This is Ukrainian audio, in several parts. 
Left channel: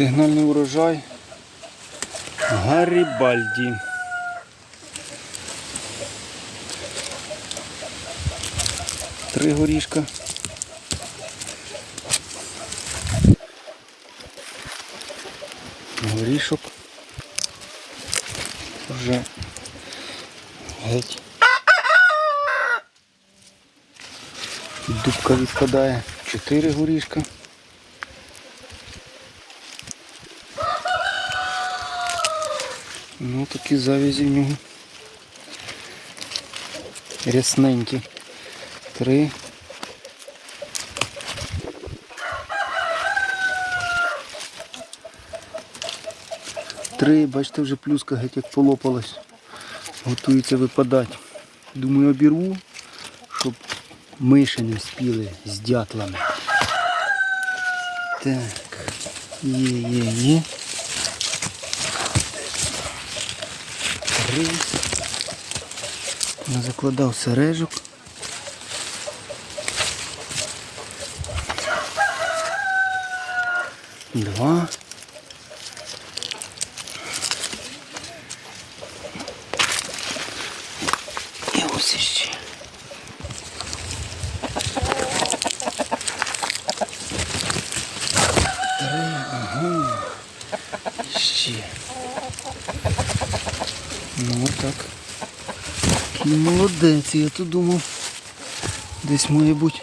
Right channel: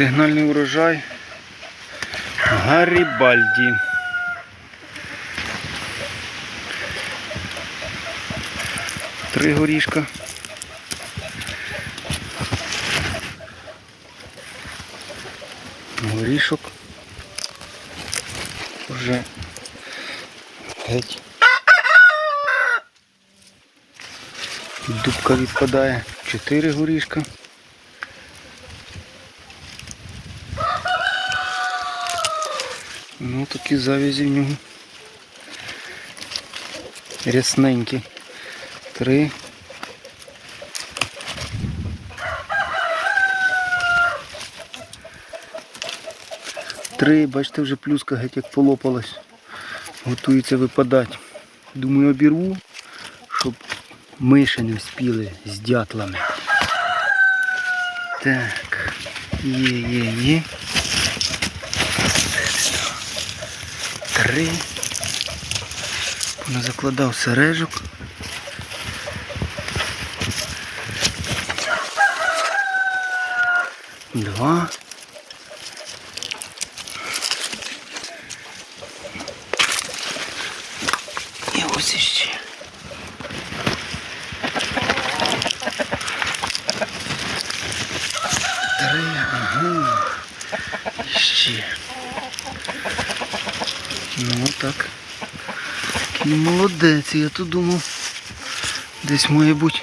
Сигнальний урожай Гарібальді. Три горішка. Горішок. Вже геть. Дубка відпадає. Чотири горішка. Ну такі завязі в нього. Рясненькі. Три. Три, бачите, вже плюска геть як полопалась. Готується випадати. Думаю, обірву, щоб миші не вспіли з дятлами. Так. Є, є, є. Три. Закладав сережок. Два. І ось іще. Три, ага. Ще. Ну так. Такий молодець, я то думав. Десь має бути.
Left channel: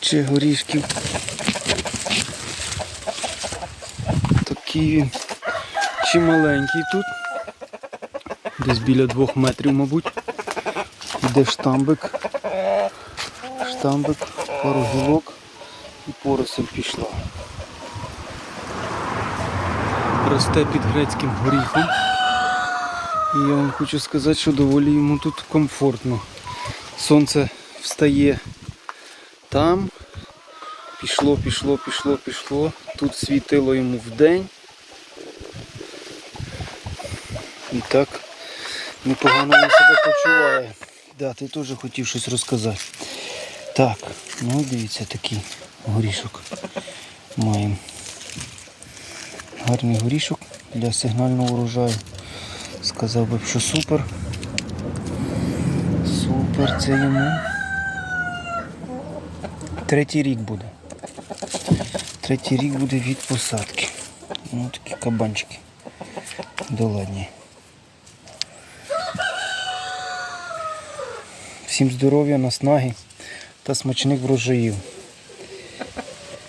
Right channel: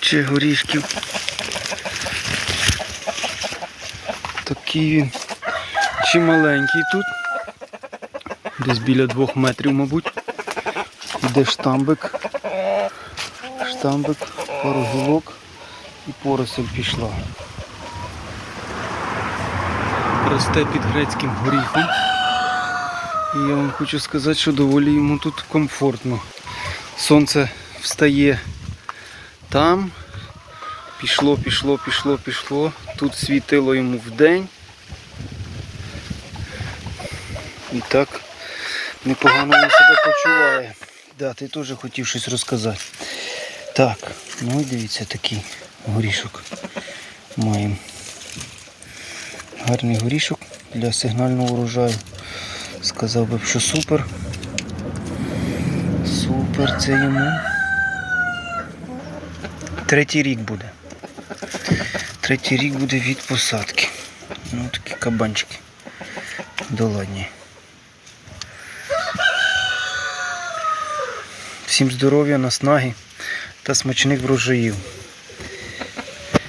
Ще горішків. Такий він чималенький тут. Десь біля двох метрів, мабуть. Іде штамбик. Штамбик, пару і поросль пішла. Росте під грецьким горіхом. І я вам хочу сказати, що доволі йому тут комфортно. Сонце встає там. Пішло, пішло, пішло, пішло. Тут світило йому вдень. І так непогано він себе почуває. Да, ти теж хотів щось розказати. Так, ну дивіться такий горішок маємо. Гарний горішок для сигнального урожаю. Сказав би, що супер. Супер це йому. Третій рік буде. Третій рік буде від посадки. Ну такі кабанчики. Доладні. Всім здоров'я, наснаги та смачних врожаїв.